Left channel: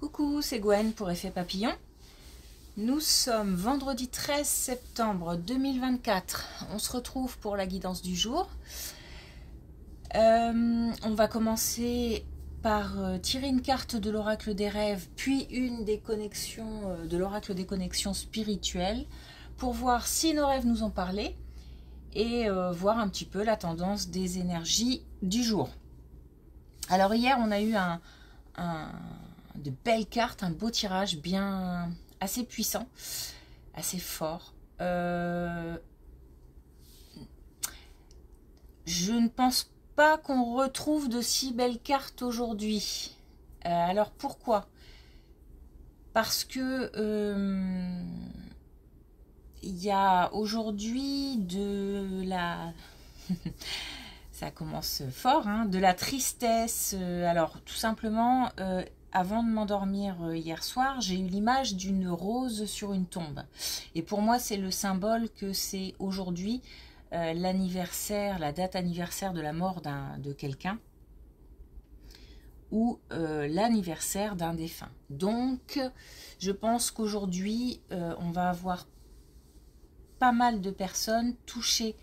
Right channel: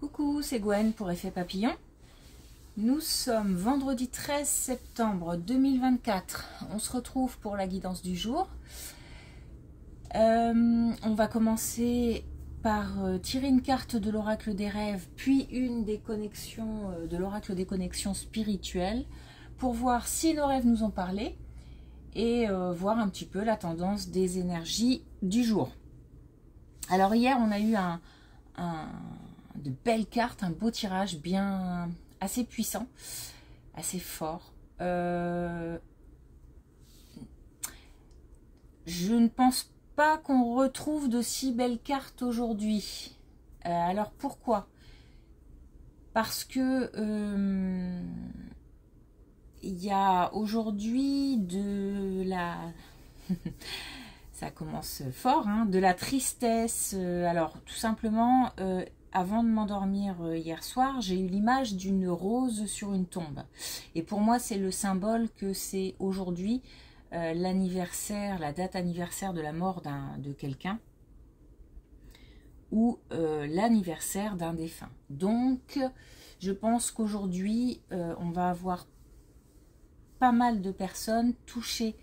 Coucou, c'est Gwen pour Effet Papillon. Nous sommes vendredi 13 septembre 2024. On se retrouve pour la guidance du jour. On va commencer par tirer une carte de l'oracle des rêves, puis une des connexions de l'oracle des connexions spirituelles, pour voir si nos rêves nous ont parlé et voir un petit peu la tendance des énergies du jour. Alors hier, on a eu de belles cartes, un beau tirage bien assez puissant, assez fort. Je ne pense pas qu'on retrouve de si belles cartes aujourd'hui. Alors pourquoi? Parce que il y a aujourd'hui de la... ça commence fort, hein, de la tristesse. Alors tout simplement, avant de m'endormir hier soir, j'ai eu l'image d'une rose sur une tombe. Et pour moi, c'est le symbole que c'est aujourd'hui l'anniversaire, la date anniversaire de la mort de quelqu'un ou l'anniversaire d'un défunt. Donc, je pense qu'aujourd'hui, on va avoir pas mal de personnes touchées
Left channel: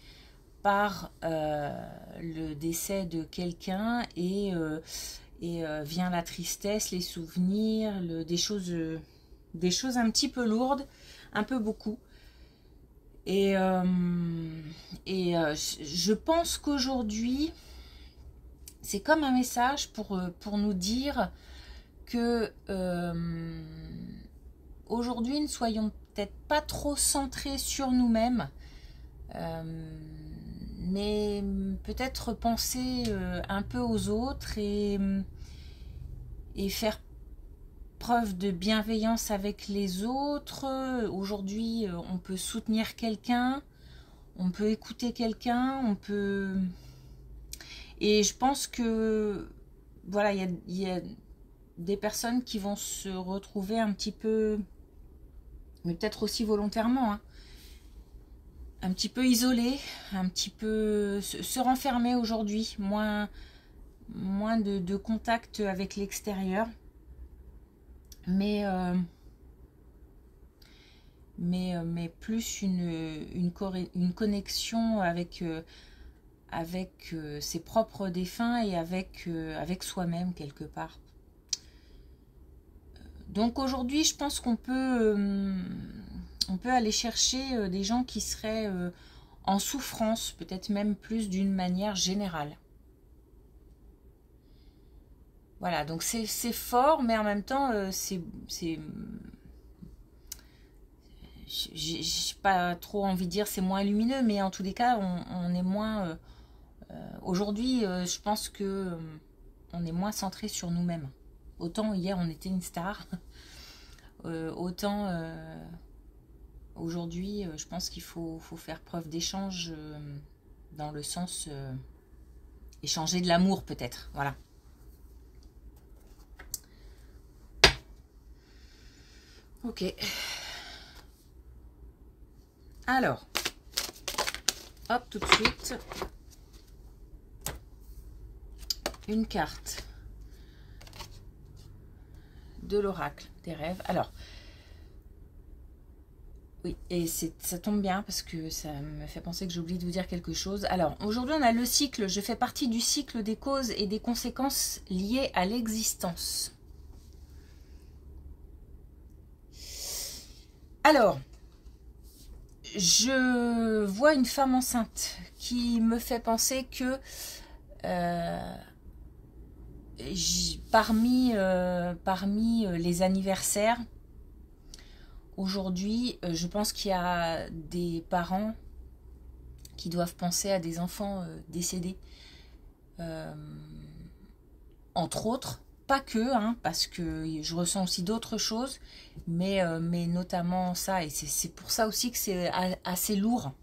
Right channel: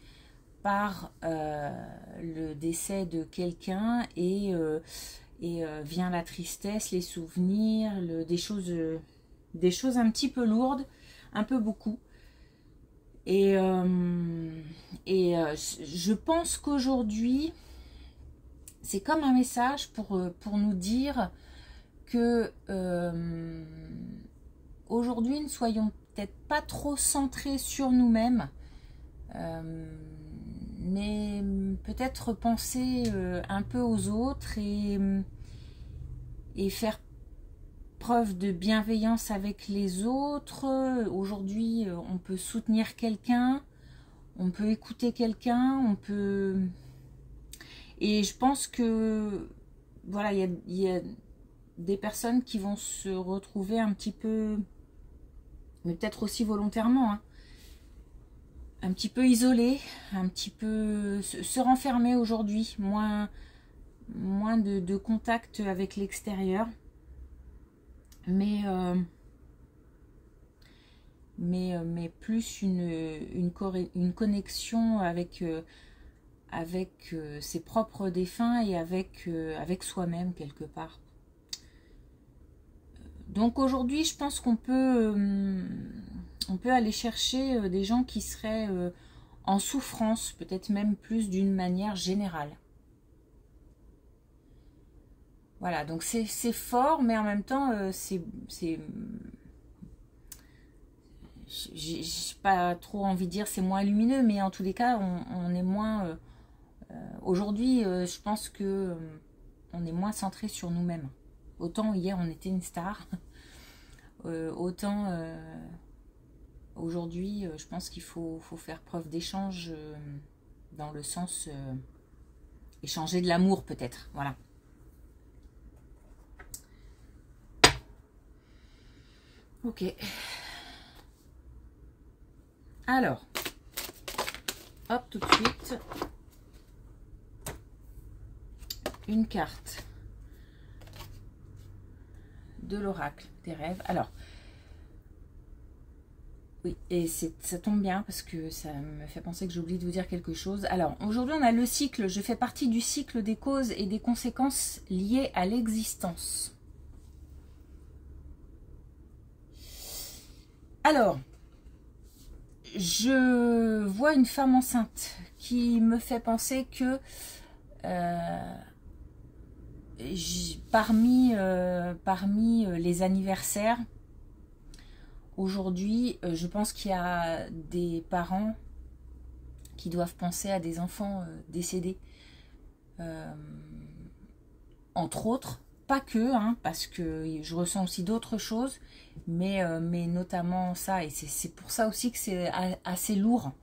par le décès de quelqu'un et vient la tristesse, les souvenirs, des choses un petit peu lourdes, un peu beaucoup. Et je pense qu'aujourd'hui, c'est comme un message pour nous dire que aujourd'hui, ne soyons peut-être pas trop centrés sur nous-mêmes, mais peut-être penser un peu aux autres et faire preuve de bienveillance avec les autres. Aujourd'hui, on peut soutenir quelqu'un, on peut écouter quelqu'un, on peut... Et je pense que, voilà, il y a des personnes qui vont se retrouver un petit peu, mais peut-être aussi volontairement, hein, un petit peu isolées, un petit peu se renfermer aujourd'hui, moins de contact avec l'extérieur, mais plus une connexion avec ses propres défunts et avec soi-même quelque part. Donc aujourd'hui, je pense qu'on peut aller chercher des gens qui seraient en souffrance, peut-être même plus d'une manière générale. Voilà, donc c'est fort, mais en même temps, j'ai pas trop envie de dire c'est moins lumineux, mais en tous les cas, on est moins... aujourd'hui, je pense que on est moins centré sur nous-mêmes. Autant hier, on était une star, autant aujourd'hui, je pense qu'il faut faire preuve d'échange dans le sens échanger de l'amour peut-être, voilà. Ok. Alors, hop, tout de suite, une carte de l'oracle des rêves. Alors, oui, et ça tombe bien parce que ça me fait penser que j'ai oublié de vous dire quelque chose. Alors, aujourd'hui, on a le cycle. Je fais partie du cycle des causes et des conséquences liées à l'existence. Alors, je vois une femme enceinte qui me fait penser que parmi les anniversaires, aujourd'hui, je pense qu'il y a des parents qui doivent penser à des enfants décédés. Entre autres, pas que, hein, parce que je ressens aussi d'autres choses, mais notamment ça, et c'est pour ça aussi que c'est assez lourd.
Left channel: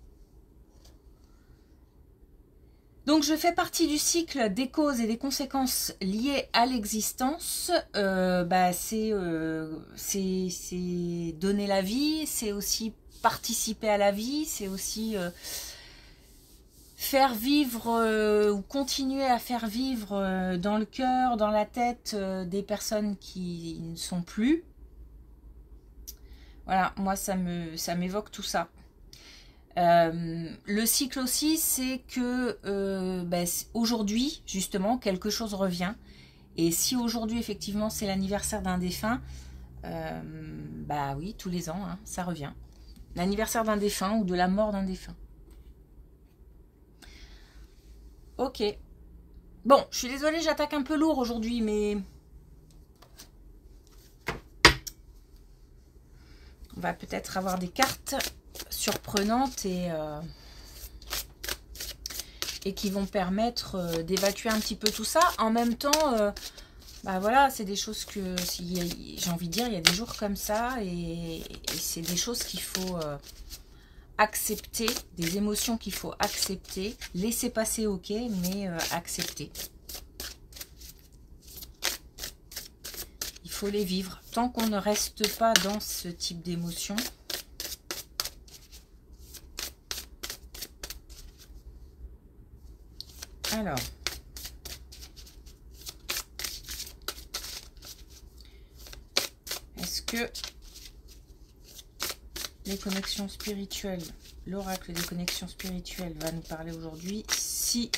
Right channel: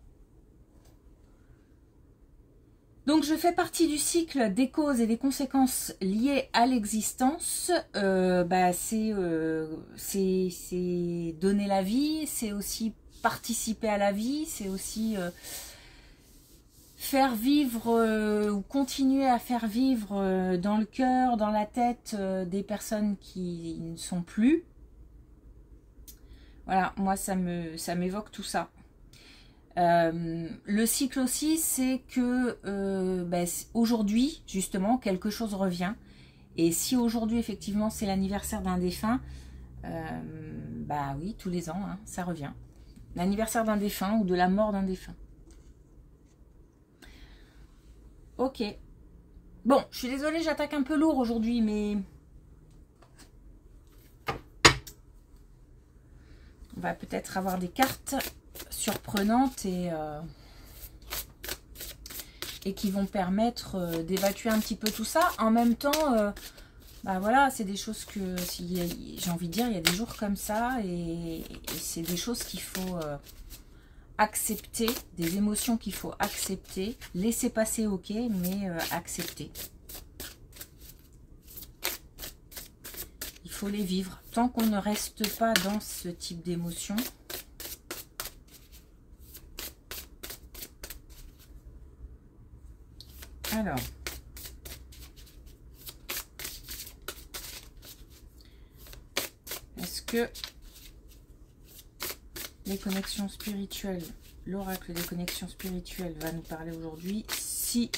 Donc je fais partie du cycle des causes et des conséquences liées à l'existence. C'est donner la vie, c'est aussi participer à la vie, c'est aussi faire vivre ou continuer à faire vivre dans le cœur, dans la tête des personnes qui ne sont plus. Voilà, moi ça m'évoque tout ça. Le cycle aussi, c'est que aujourd'hui, justement, quelque chose revient. Et si aujourd'hui, effectivement, c'est l'anniversaire d'un défunt, bah oui, tous les ans, hein, ça revient. L'anniversaire d'un défunt ou de la mort d'un défunt. Ok. Bon, je suis désolée, j'attaque un peu lourd aujourd'hui, mais... on va peut-être avoir des cartes surprenantes et qui vont permettre d'évacuer un petit peu tout ça. En même temps, bah voilà, c'est des choses que, j'ai envie de dire, il y a des jours comme ça et c'est des choses qu'il faut accepter, des émotions qu'il faut accepter, laisser passer, ok, mais accepter. Il faut les vivre. Tant qu'on ne reste pas dans ce type d'émotion, alors, est-ce que les connexions spirituelles, l'oracle des connexions spirituelles va nous parler aujourd'hui? Si,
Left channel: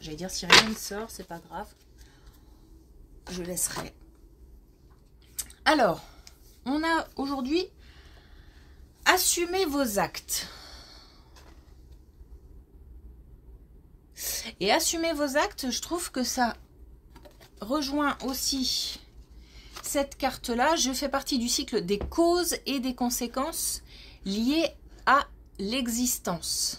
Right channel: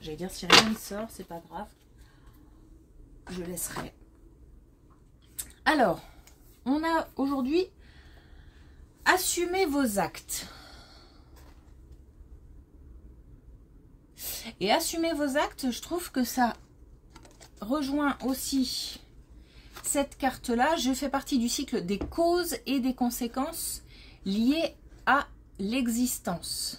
j'allais dire si rien ne sort, c'est pas grave, je laisserai. Alors, on a aujourd'hui assumé vos actes. Et assumer vos actes, je trouve que ça rejoint aussi cette carte-là. Je fais partie du cycle des causes et des conséquences liées à l'existence.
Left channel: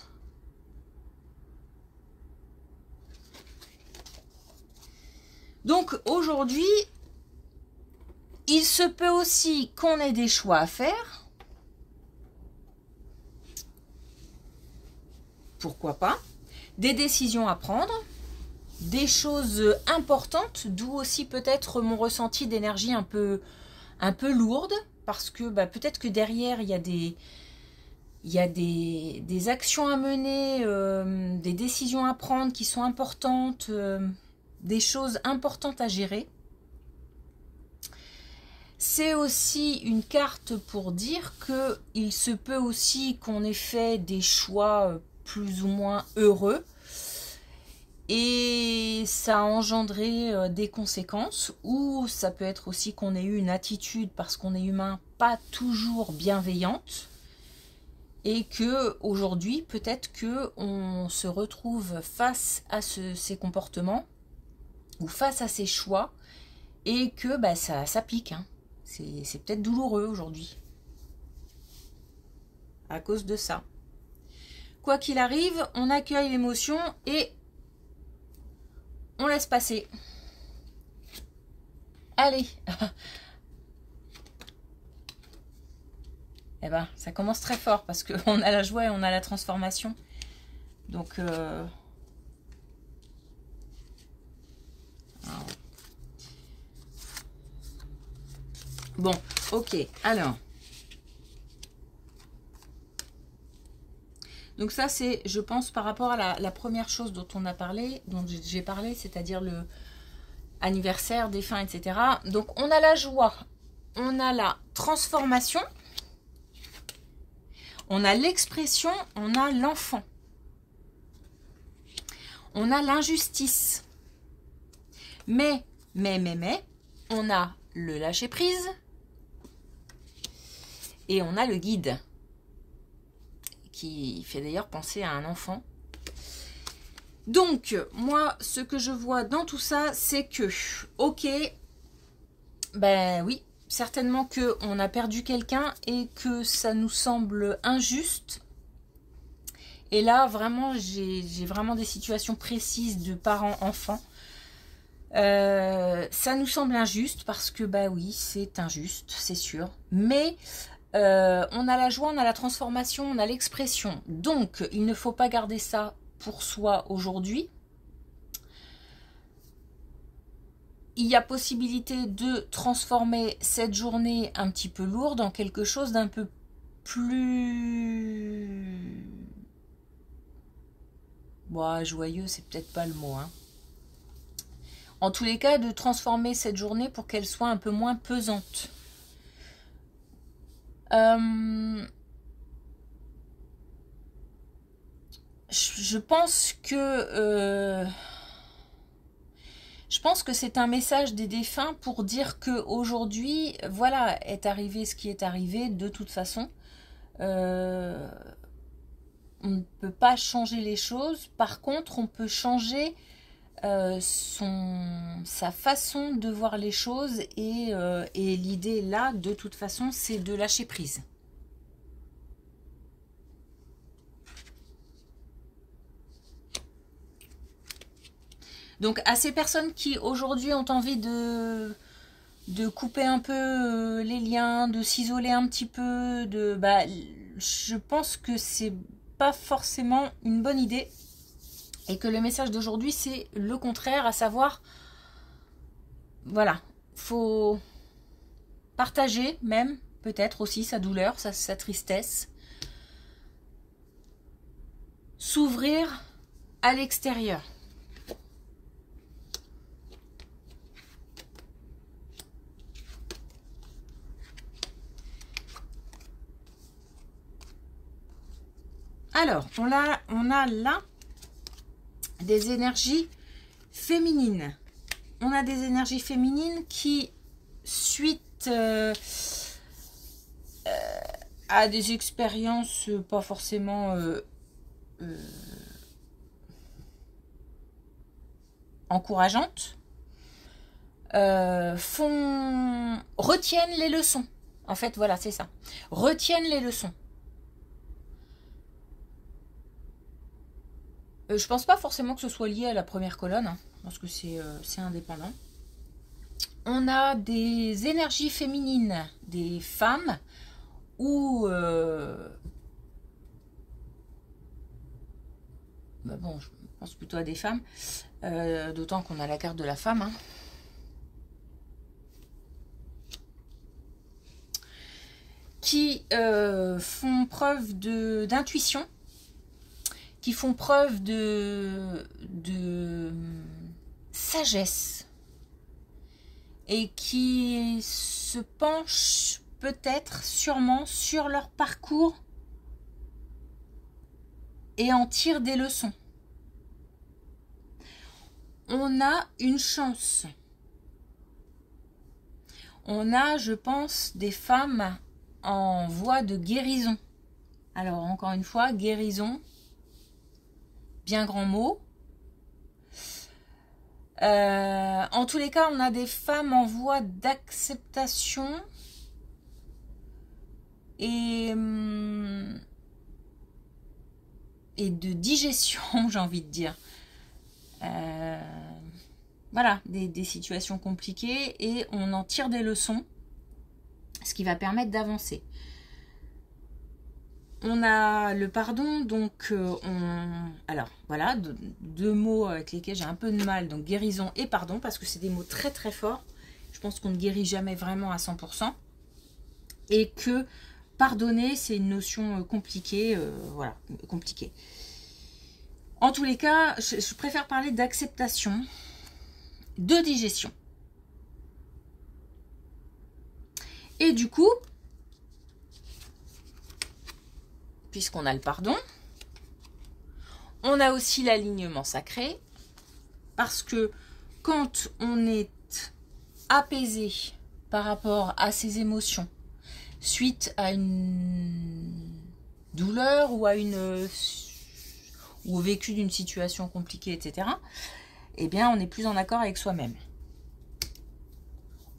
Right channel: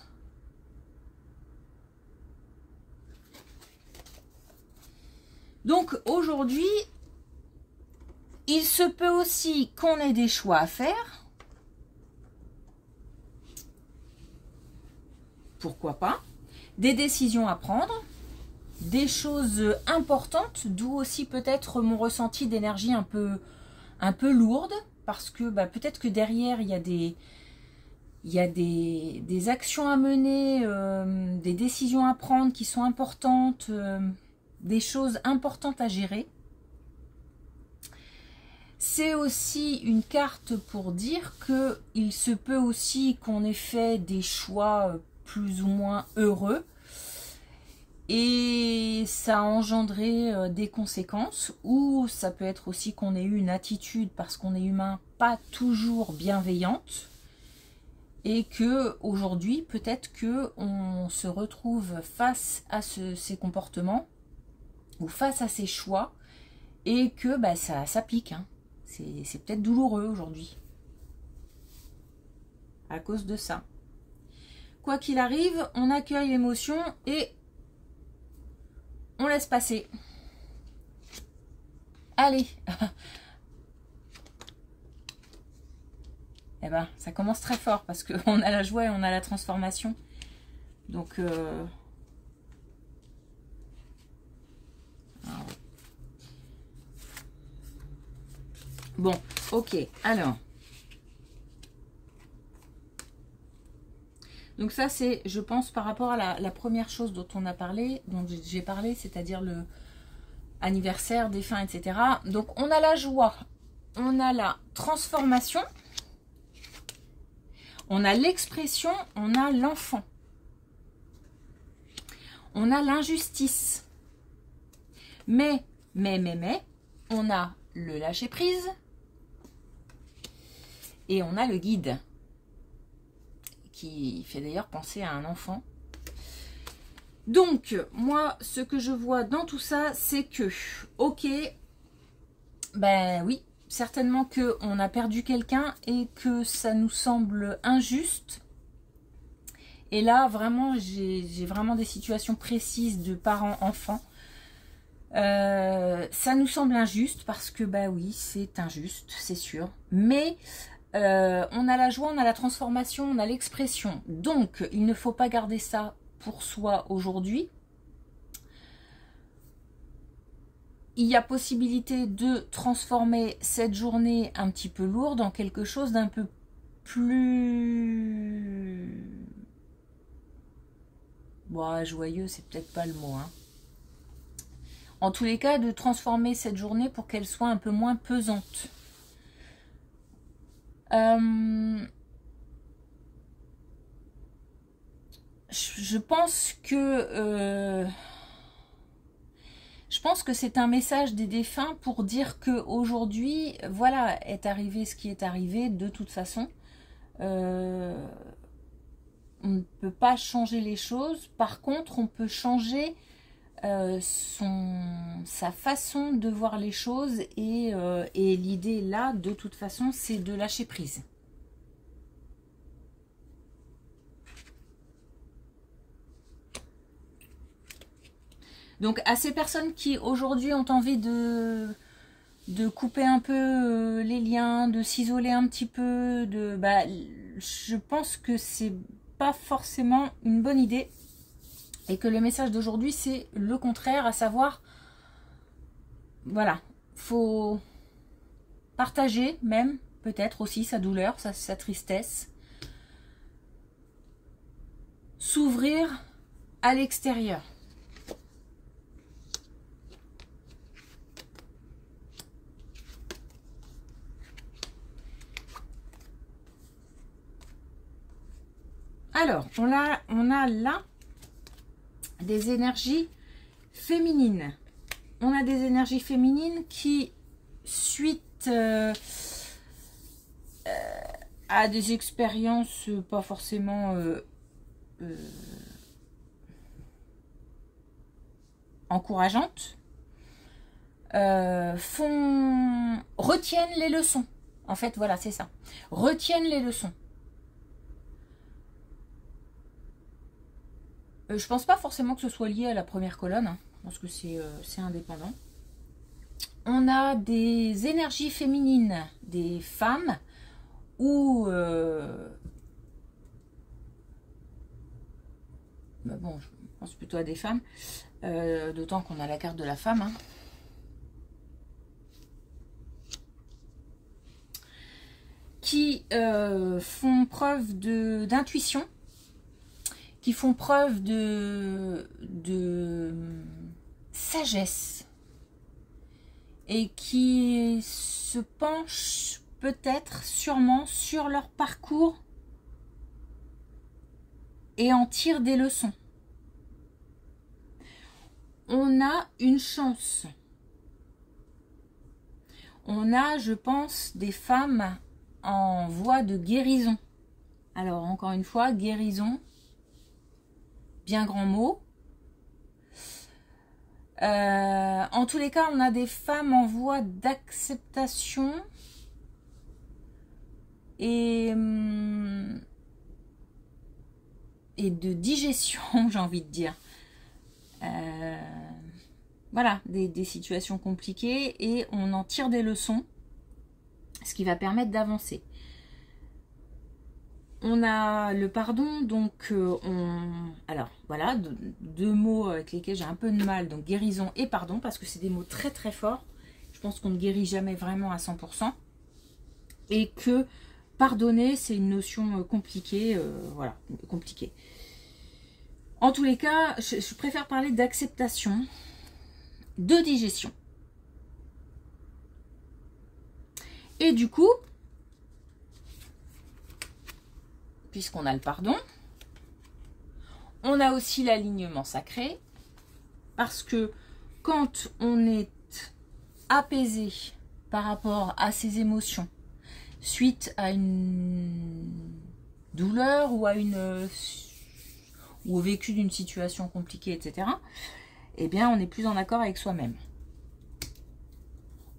Donc aujourd'hui, il se peut aussi qu'on ait des choix à faire. Pourquoi pas? Des décisions à prendre, des choses importantes, d'où aussi peut-être mon ressenti d'énergie un peu lourde, parce que peut-être que derrière il y a des actions à mener, des décisions à prendre qui sont importantes, des choses importantes à gérer. C'est aussi une carte pour dire qu'il se peut aussi qu'on ait fait des choix plus ou moins heureux et ça a engendré des conséquences, ou ça peut être aussi qu'on ait eu une attitude, parce qu'on est humain, pas toujours bienveillante, et que aujourd'hui peut-être que on se retrouve face à ces comportements ou face à ces choix et que ça pique, hein. C'est peut-être douloureux aujourd'hui à cause de ça. Quoi qu'il arrive, on accueille l'émotion et on laisse passer. Allez. Eh ben, ça commence très fort parce qu'on a la joie et on a la transformation. Donc, bon, ok. Alors. Donc ça, c'est, je pense, par rapport à la première chose dont on a parlé, dont j'ai parlé, c'est-à-dire le anniversaire, défunt, etc. Donc on a la joie, on a la transformation, on a l'expression, on a l'enfant, on a l'injustice. Mais, on a le lâcher-prise et on a le guide, qui fait d'ailleurs penser à un enfant. Donc, moi, ce que je vois dans tout ça, c'est que, ok, ben oui, certainement qu'on a perdu quelqu'un et que ça nous semble injuste. Et là, vraiment, j'ai vraiment des situations précises de parents-enfants. Ça nous semble injuste parce que, bah oui, c'est injuste, c'est sûr. Mais... on a la joie, on a la transformation, on a l'expression. Donc, il ne faut pas garder ça pour soi aujourd'hui. Il y a possibilité de transformer cette journée un petit peu lourde en quelque chose d'un peu plus Bon, joyeux, c'est peut-être pas le mot, hein. En tous les cas, de transformer cette journée pour qu'elle soit un peu moins pesante. Je pense que c'est un message des défunts pour dire que aujourd'hui, voilà, est arrivé ce qui est arrivé de toute façon. On ne peut pas changer les choses. Par contre, on peut changer sa façon de voir les choses. Et l'idée là, de toute façon, c'est de lâcher prise. Donc, à ces personnes qui aujourd'hui ont envie de couper un peu les liens, de s'isoler un petit peu, je pense que c'est pas forcément une bonne idée et que le message d'aujourd'hui c'est le contraire, à savoir, voilà, faut partager même peut-être aussi sa douleur, sa tristesse, s'ouvrir à l'extérieur. Alors, on a là des énergies féminines. On a des énergies féminines qui, suite à des expériences pas forcément encourageantes, retiennent les leçons. En fait, voilà, c'est ça. Retiennent les leçons. Je pense pas forcément que ce soit lié à la première colonne, hein, parce que c'est indépendant. On a des énergies féminines, des femmes, ou bon, je pense plutôt à des femmes, d'autant qu'on a la carte de la femme, hein. Qui font preuve d'intuition, qui font preuve de sagesse et qui se penchent peut-être, sûrement, sur leur parcours et en tirent des leçons. On a une chance. On a, je pense, des femmes en voie de guérison. Alors, encore une fois, guérison, bien grand mot. En tous les cas, on a des femmes en voie d'acceptation et de digestion, j'ai envie de dire. Voilà, des situations compliquées et on en tire des leçons, ce qui va permettre d'avancer. On a le pardon, donc alors voilà, deux mots avec lesquels j'ai un peu de mal, donc guérison et pardon, parce que c'est des mots très très forts. Je pense qu'on ne guérit jamais vraiment à 100%. Et que pardonner, c'est une notion compliquée, voilà, compliquée. En tous les cas, je préfère parler d'acceptation, de digestion. Et du coup, puisqu'on a le pardon, on a aussi l'alignement sacré, parce que quand on est apaisé par rapport à ses émotions, suite à une douleur ou ou au vécu d'une situation compliquée, etc., eh bien, on est plus en accord avec soi-même.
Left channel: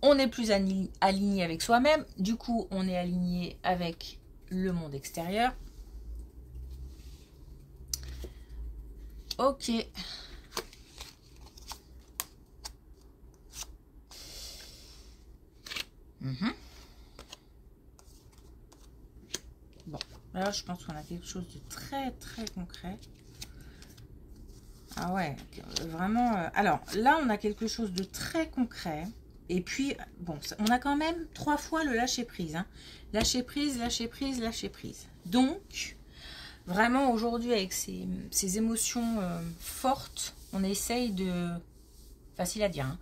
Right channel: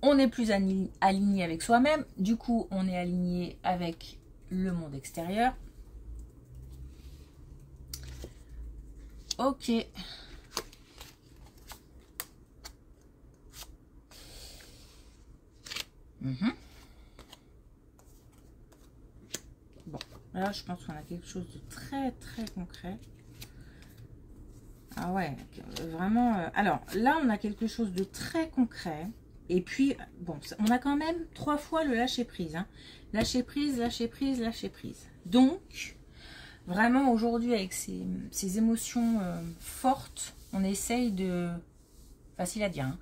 On est plus aligné avec soi-même, du coup, on est aligné avec le monde extérieur. Ok. Bon, là, je pense qu'on a quelque chose de très, très concret. Ah ouais, vraiment. Alors, là, on a quelque chose de très concret. Et puis, bon, on a quand même 3 fois le lâcher prise. Hein. Lâcher prise, lâcher prise, lâcher prise. Donc, Vraiment, aujourd'hui, avec ces émotions fortes, on essaye de... Facile à dire, hein.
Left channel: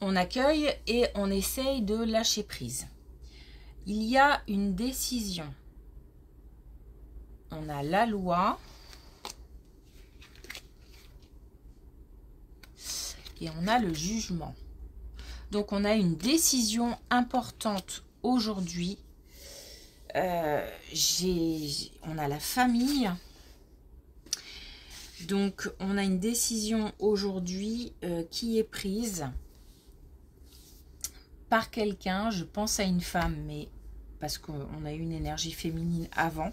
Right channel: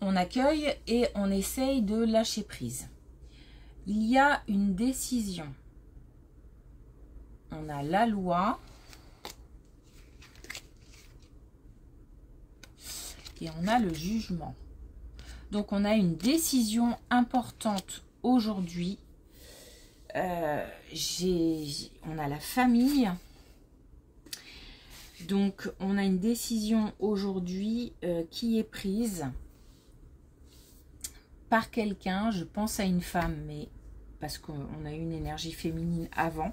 On accueille et on essaye de lâcher prise. Il y a une décision. On a la loi. Et on a le jugement. Donc, on a une décision importante aujourd'hui. On a la famille. Donc, on a une décision aujourd'hui qui est prise par quelqu'un. Je pense à une femme, mais parce qu'on a eu une énergie féminine avant.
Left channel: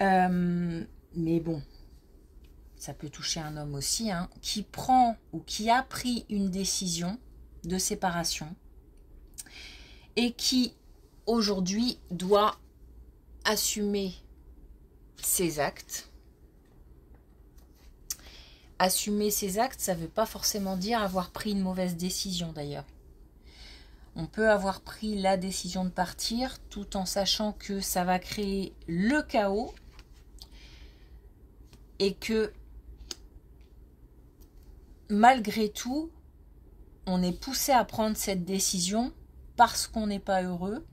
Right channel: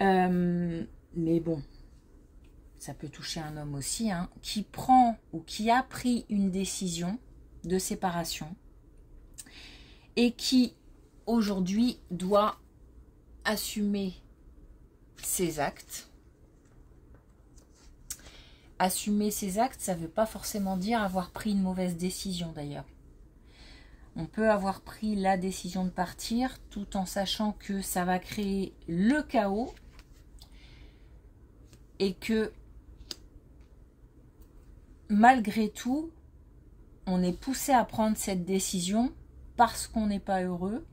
Mais bon, ça peut toucher un homme aussi, hein, qui prend ou qui a pris une décision de séparation et qui aujourd'hui doit assumer ses actes. Assumer ses actes, ça ne veut pas forcément dire avoir pris une mauvaise décision d'ailleurs. On peut avoir pris la décision de partir tout en sachant que ça va créer le chaos et que malgré tout, on est poussé à prendre cette décision parce qu'on n'est pas heureux,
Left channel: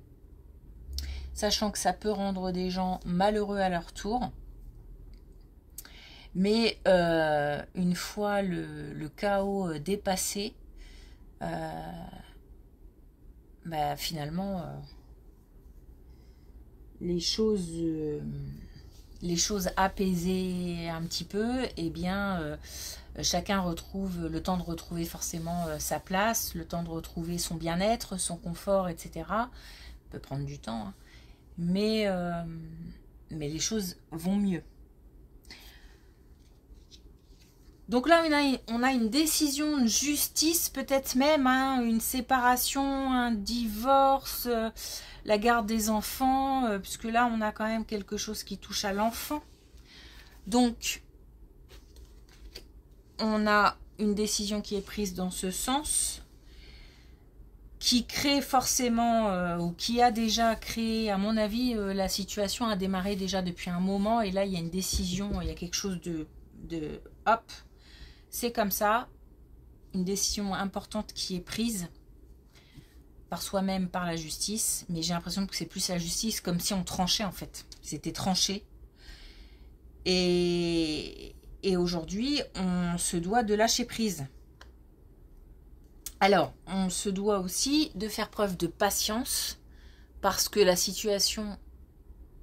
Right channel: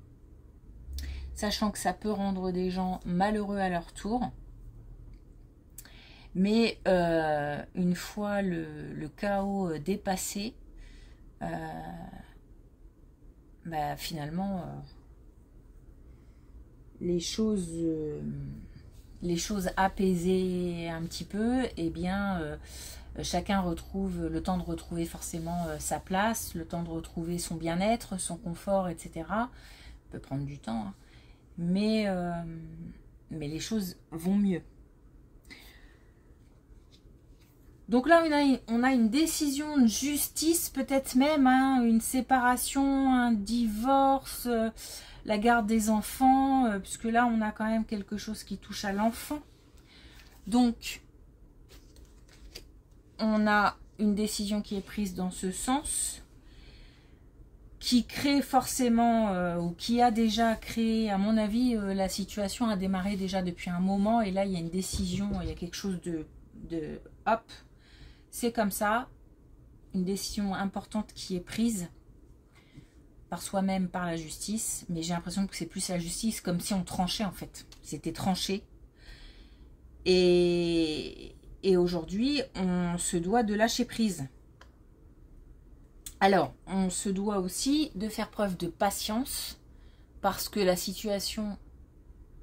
sachant que ça peut rendre des gens malheureux à leur tour. Mais une fois le chaos dépassé, finalement, les choses apaisées un petit peu, eh bien, chacun retrouve le temps de retrouver forcément sa place, le temps de retrouver son bien-être, son confort, etc. Ça peut prendre du temps, hein. Mais les choses vont mieux. Donc là, on a une décision de justice, peut-être même, hein, une séparation, un divorce, la garde des enfants, puisque là, on a quand même quelque chose qui touche à l'enfant. Donc, on a une décision qui est prise dans ce sens, qui crée forcément, ou qui a déjà créé, à mon avis, la situation a démarré déjà depuis un moment, et là, il y a une décision, il y a quelque chose de hop, c'est comme ça, une décision importante qui est prise par soi-même, par la justice, mais j'ai l'impression que c'est plus la justice, comme si on tranchait en fait, c'était tranché. Et aujourd'hui, on se doit de lâcher prise. Alors, on se doit aussi de faire preuve de patience, parce que la situation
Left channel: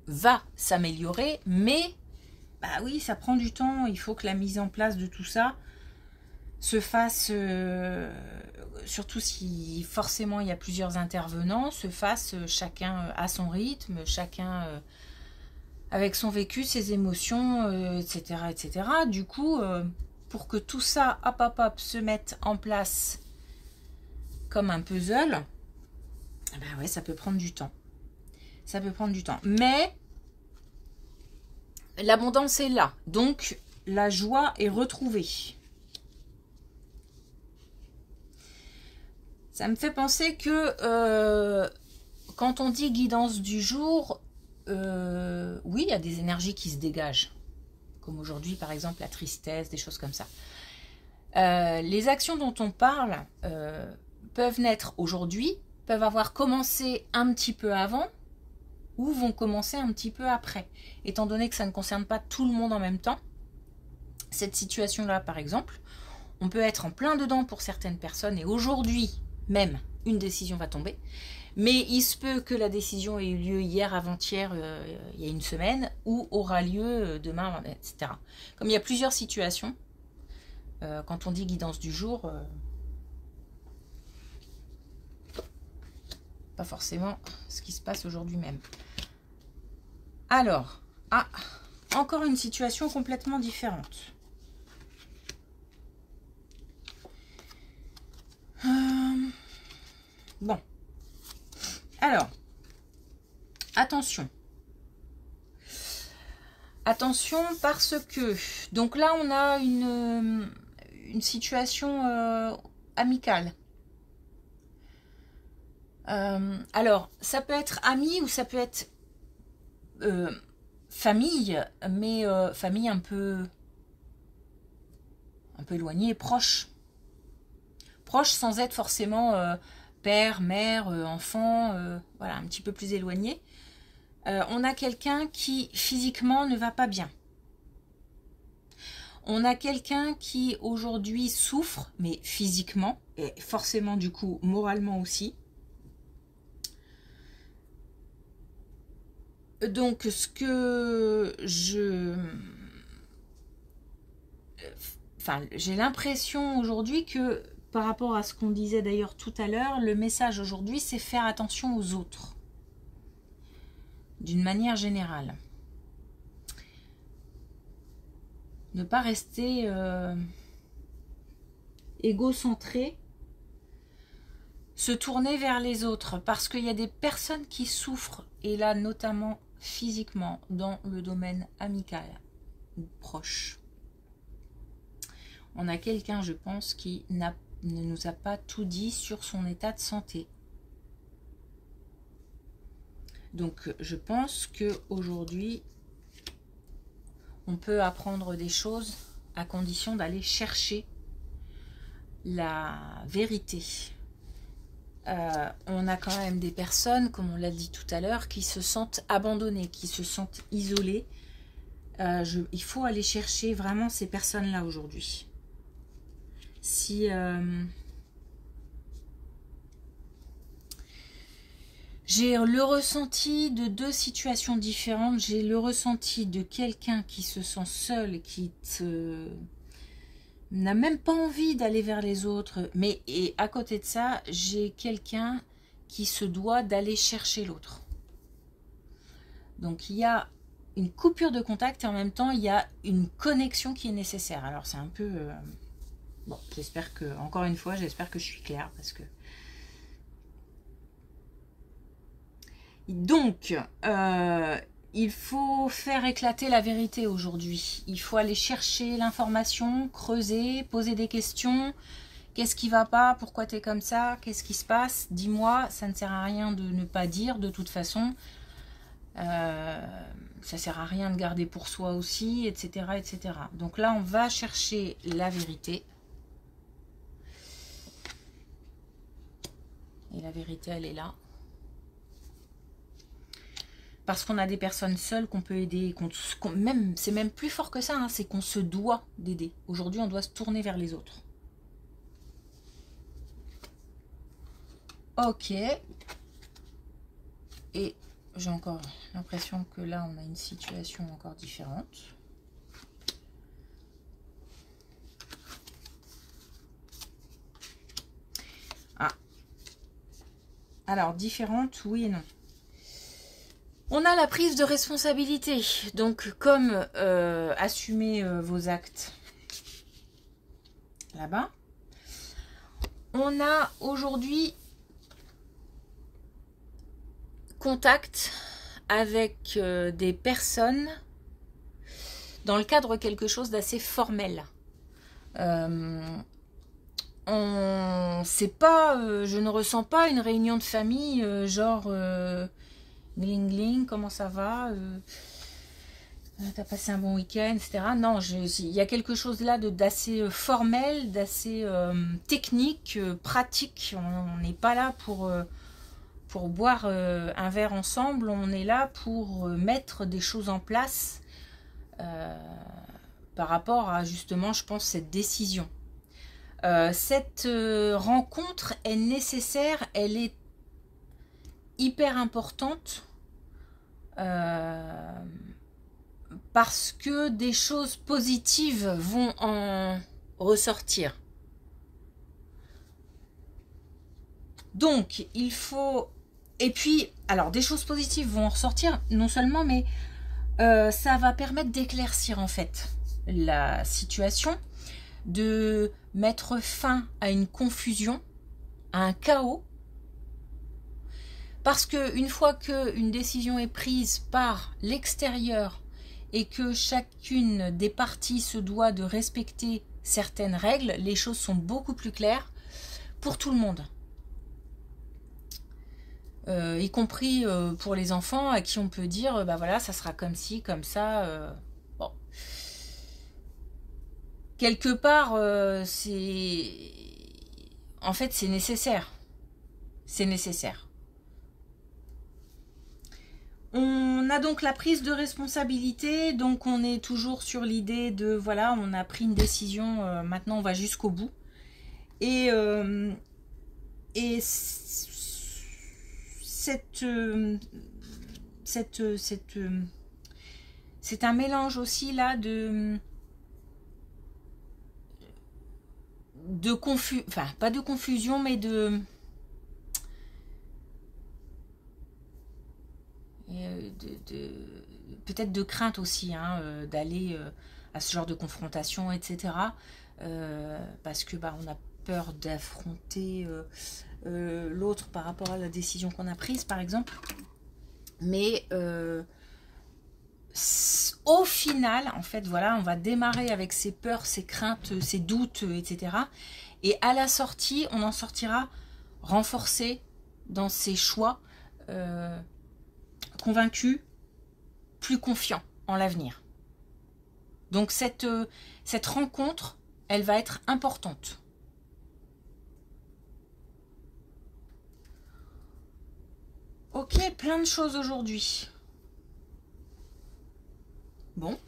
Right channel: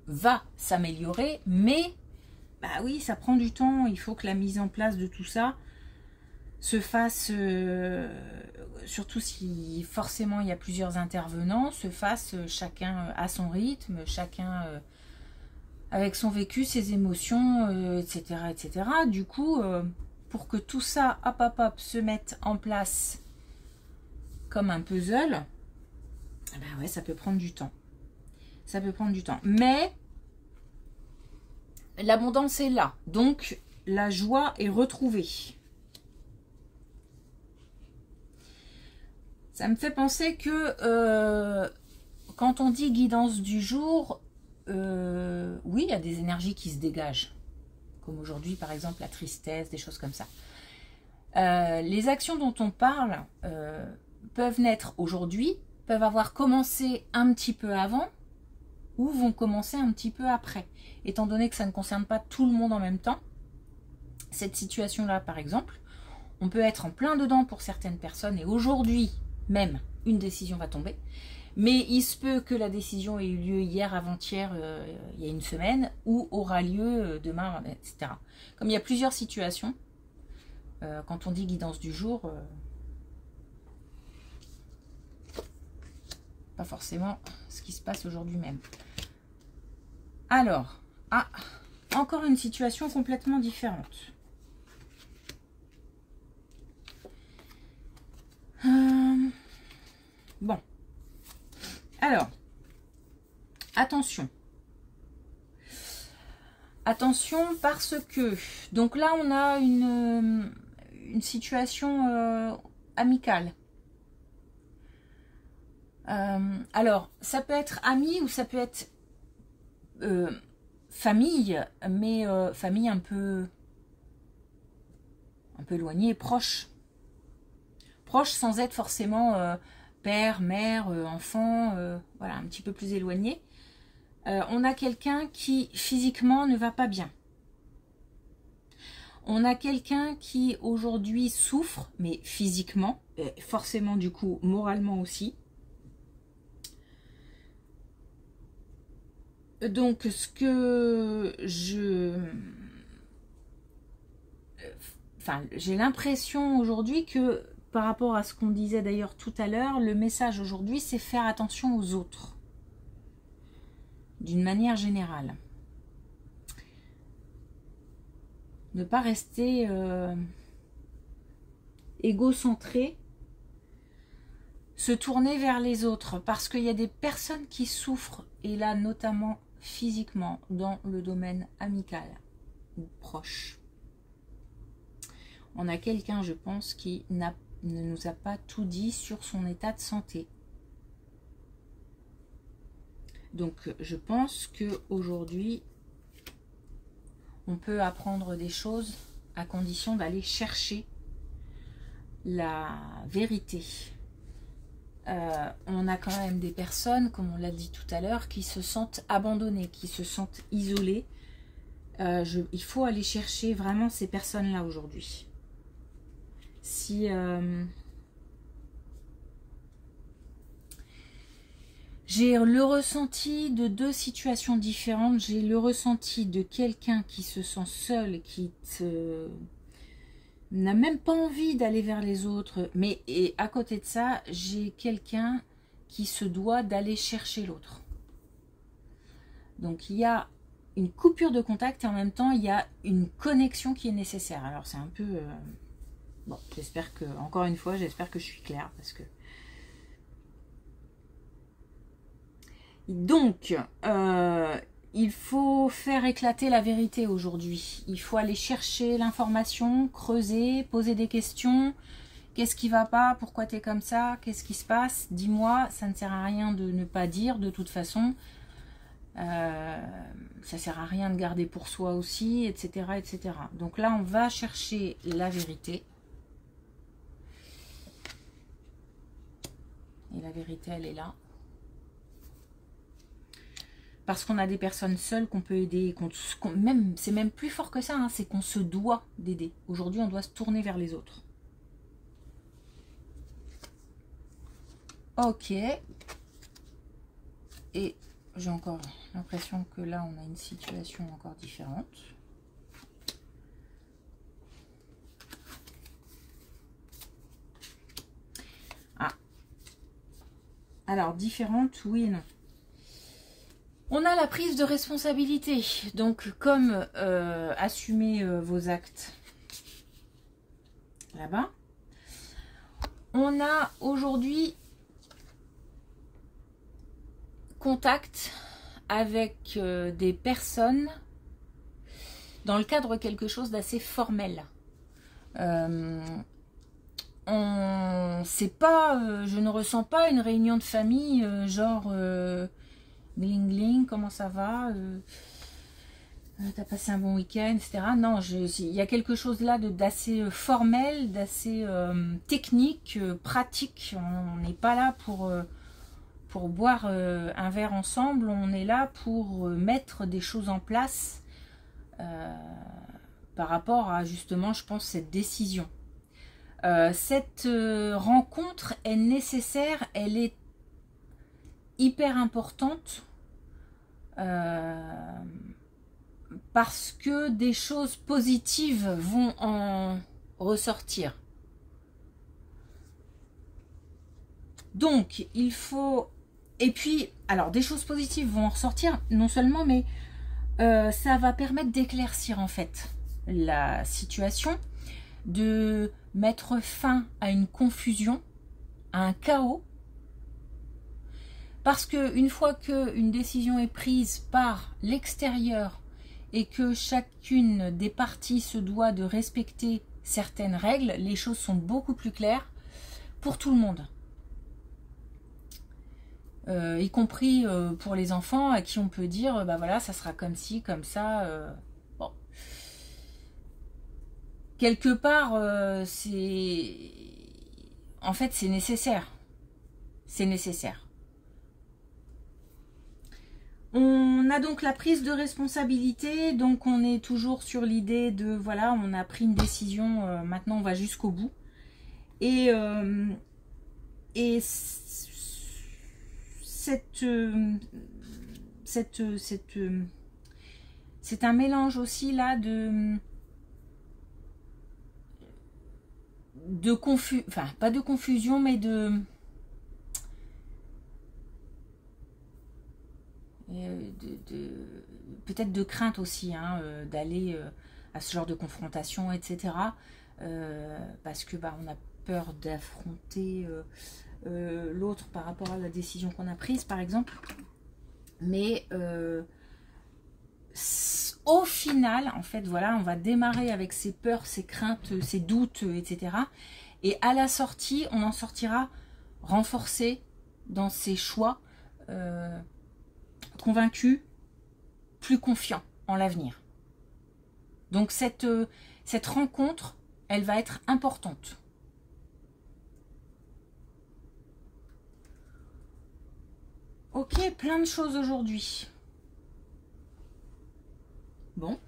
va s'améliorer, mais, bah oui, ça prend du temps, il faut que la mise en place de tout ça se fasse, surtout si forcément il y a plusieurs intervenants, se fasse chacun à son rythme, chacun avec son vécu, ses émotions, etc., etc. Du coup, pour que tout ça, hop, se mette en place comme un puzzle, ben ouais, ça peut prendre du temps. Ça peut prendre du temps. Mais l'abondance est là. Donc, la joie est retrouvée. Ça me fait penser que quand on dit guidance du jour, oui, il y a des énergies qui se dégagent. Comme aujourd'hui, par exemple, la tristesse, des choses comme ça. Les actions dont on parle peuvent naître aujourd'hui, peuvent avoir commencé un petit peu avant, ou vont commencer un petit peu après. Étant donné que ça ne concerne pas tout le monde en même temps, cette situation-là, par exemple, on peut être en plein dedans pour certaines personnes, et aujourd'hui, même, une décision va tomber. Mais il se peut que la décision ait eu lieu hier, avant-hier, il y a une semaine, ou aura lieu demain, etc. Comme il y a plusieurs situations, quand on dit guidance du jour, pas forcément ce qui se passe aujourd'hui même. Alors, encore une situation complètement différente. Bon. Alors, attention. Attention parce que, donc là on a une situation amicale. Alors, ça peut être ami ou ça peut être famille, mais famille un peu éloignée, proche. Proche sans être forcément père, mère, enfant, voilà, un petit peu plus éloigné. On a quelqu'un qui physiquement ne va pas bien. On a quelqu'un qui aujourd'hui souffre, mais physiquement, et forcément du coup moralement aussi. Donc ce que j'ai l'impression aujourd'hui que, par rapport à ce qu'on disait d'ailleurs tout à l'heure, le message aujourd'hui c'est faire attention aux autres, d'une manière générale. Ne pas rester égocentré, se tourner vers les autres, parce qu'il y a des personnes qui souffrent, et là notamment physiquement, dans le domaine amical ou proche. On a quelqu'un, je pense, qui ne nous a pas tout dit sur son état de santé. Donc je pense qu'aujourd'hui, on peut apprendre des choses à condition d'aller chercher la vérité. On a quand même des personnes, comme on l'a dit tout à l'heure, qui se sentent abandonnées, qui se sentent isolées. Il faut aller chercher vraiment ces personnes-là aujourd'hui. Si j'ai le ressenti de deux situations différentes, j'ai le ressenti de quelqu'un qui se sent seul, qui n'a même pas envie d'aller vers les autres, mais et à côté de ça, j'ai quelqu'un qui se doit d'aller chercher l'autre. Donc il y a une coupure de contact et en même temps il y a une connexion qui est nécessaire. Alors c'est un peu bon, j'espère que, encore une fois, j'espère que je suis claire, parce que donc il faut faire éclater la vérité aujourd'hui. Il faut aller chercher l'information, creuser, poser des questions. Qu'est-ce qui va pas? Pourquoi tu es comme ça? Qu'est-ce qui se passe? Dis-moi. Ça ne sert à rien de ne pas dire, de toute façon. Ça sert à rien de garder pour soi aussi, etc., etc. Donc là, on va chercher la vérité. Et la vérité, elle est là. Parce qu'on a des personnes seules qu'on peut aider. C'est même plus fort que ça, hein, c'est qu'on se doit d'aider. Aujourd'hui, on doit se tourner vers les autres. Ok. Et j'ai encore l'impression que là, on a une situation encore différente. Ah. Alors, différente, oui et non. On a la prise de responsabilité. Donc, comme assumer vos actes là-bas. On a aujourd'hui contact avec des personnes dans le cadre de quelque chose d'assez formel. C'est pas, je ne ressens pas une réunion de famille genre gling gling, comment ça va, t'as passé un bon week-end, etc. Non, il y a quelque chose là d'assez formel, d'assez technique, pratique. On n'est pas là pour boire un verre ensemble, on est là pour mettre des choses en place par rapport à justement, je pense, cette décision. Cette rencontre est nécessaire, elle est hyper importante parce que des choses positives vont en ressortir. Donc, il faut... Et puis, alors, des choses positives vont en ressortir, non seulement, mais ça va permettre d'éclaircir, en fait, la situation, de mettre fin à une confusion, à un chaos. Parce qu'une fois qu'une décision est prise par l'extérieur et que chacune des parties se doit de respecter certaines règles, les choses sont beaucoup plus claires pour tout le monde. y compris pour les enfants à qui on peut dire, bah voilà, ça sera comme ci, comme ça. Bon. Quelque part, c'est... En fait, c'est nécessaire. C'est nécessaire. On a donc la prise de responsabilité, donc on est toujours sur l'idée de, voilà, on a pris une décision, maintenant on va jusqu'au bout. Et c'est un mélange aussi là de confusion, enfin pas de confusion, mais peut-être de crainte aussi, hein, d'aller à ce genre de confrontation, etc. Parce que bah, on a peur d'affronter l'autre par rapport à la décision qu'on a prise, par exemple. Mais au final, en fait, voilà, on va démarrer avec ses peurs, ses craintes, ses doutes, etc. Et à la sortie, on en sortira renforcé dans ses choix, convaincu, plus confiant en l'avenir. Donc cette rencontre, elle va être importante. Ok, plein de choses aujourd'hui. Bon.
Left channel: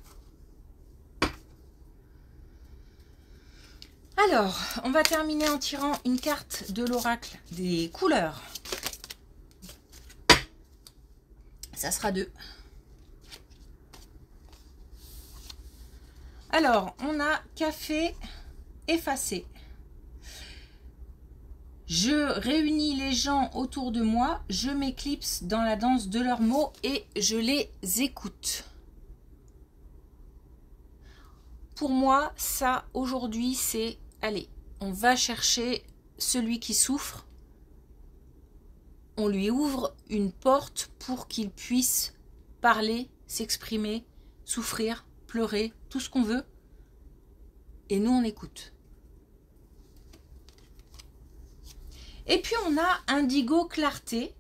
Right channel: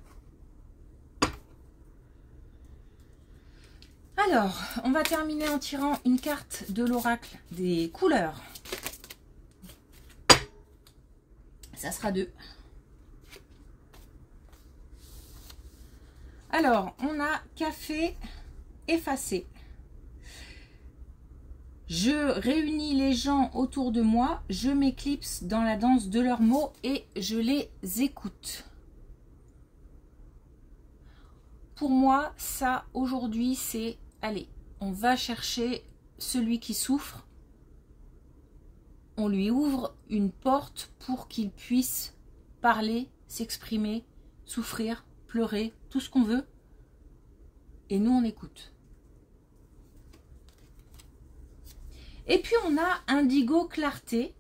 Alors, on va terminer en tirant une carte de l'oracle des couleurs. Ça sera 2. Alors, on a café effacé. Je réunis les gens autour de moi, je m'éclipse dans la danse de leurs mots et je les écoute. Pour moi, ça, aujourd'hui, c'est, allez, on va chercher celui qui souffre. On lui ouvre une porte pour qu'il puisse parler, s'exprimer, souffrir, pleurer, tout ce qu'on veut. Et nous, on écoute. Et puis, on a indigo clarté.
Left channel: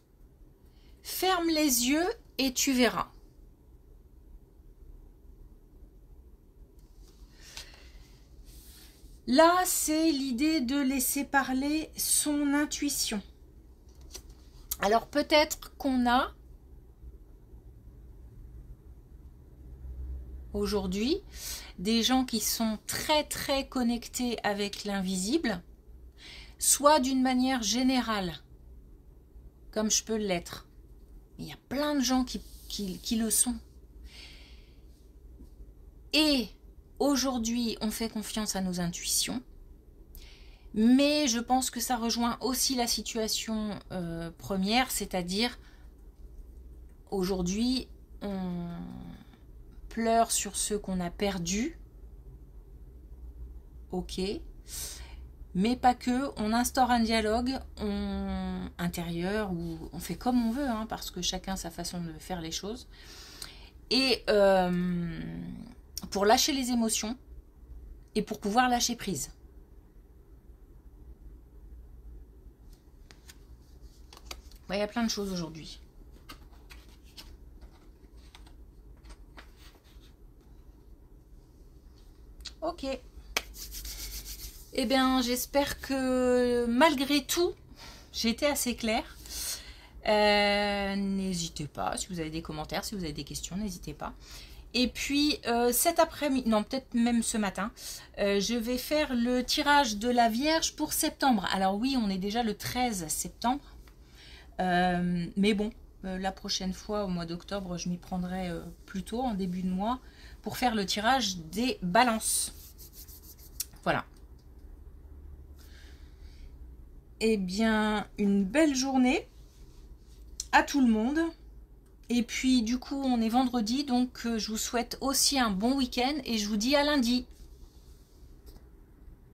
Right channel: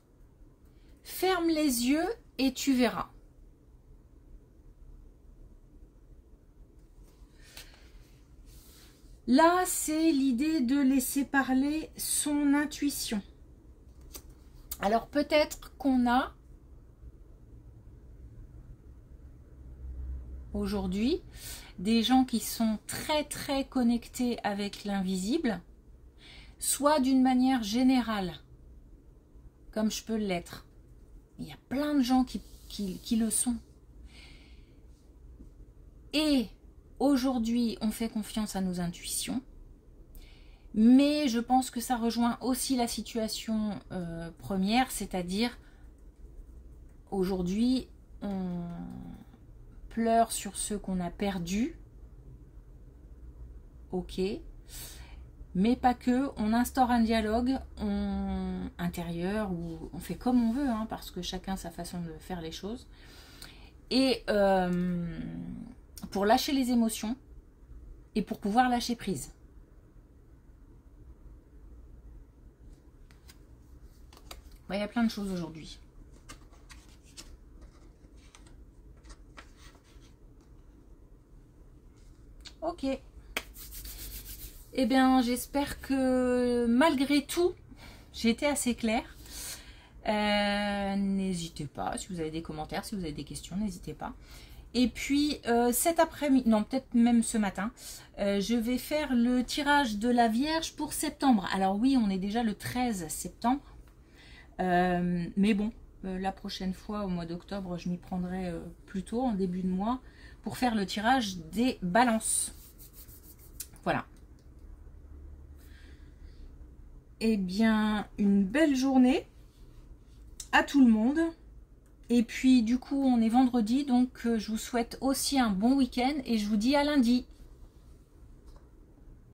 Ferme les yeux et tu verras. Là, c'est l'idée de laisser parler son intuition. Alors, peut-être qu'on a aujourd'hui des gens qui sont très très connectés avec l'invisible, soit d'une manière générale, comme je peux l'être. Il y a plein de gens qui le sont. Et aujourd'hui, on fait confiance à nos intuitions, mais je pense que ça rejoint aussi la situation première, c'est-à-dire aujourd'hui, on pleure sur ceux qu'on a perdus, ok, mais pas que, on instaure un dialogue intérieur où on fait comme on veut, hein, parce que chacun a sa façon de faire les choses, et pour lâcher les émotions et pour pouvoir lâcher prise. Ouais, il y a plein de choses aujourd'hui. Ok. Eh bien, j'espère que malgré tout, j'ai été assez claire. N'hésitez pas, si vous avez des commentaires, si vous avez des questions, n'hésitez pas. Et puis, cet après-midi, non, peut-être même ce matin, je vais faire le tirage de la Vierge pour septembre. Alors oui, on est déjà le 13 septembre. Mais bon, la prochaine fois, au mois d'octobre, je m'y prendrai plus tôt, en début de mois, pour faire le tirage des balances. Voilà. Eh bien, une belle journée à tout le monde. Et puis, du coup, on est vendredi, donc je vous souhaite aussi un bon week-end et je vous dis à lundi.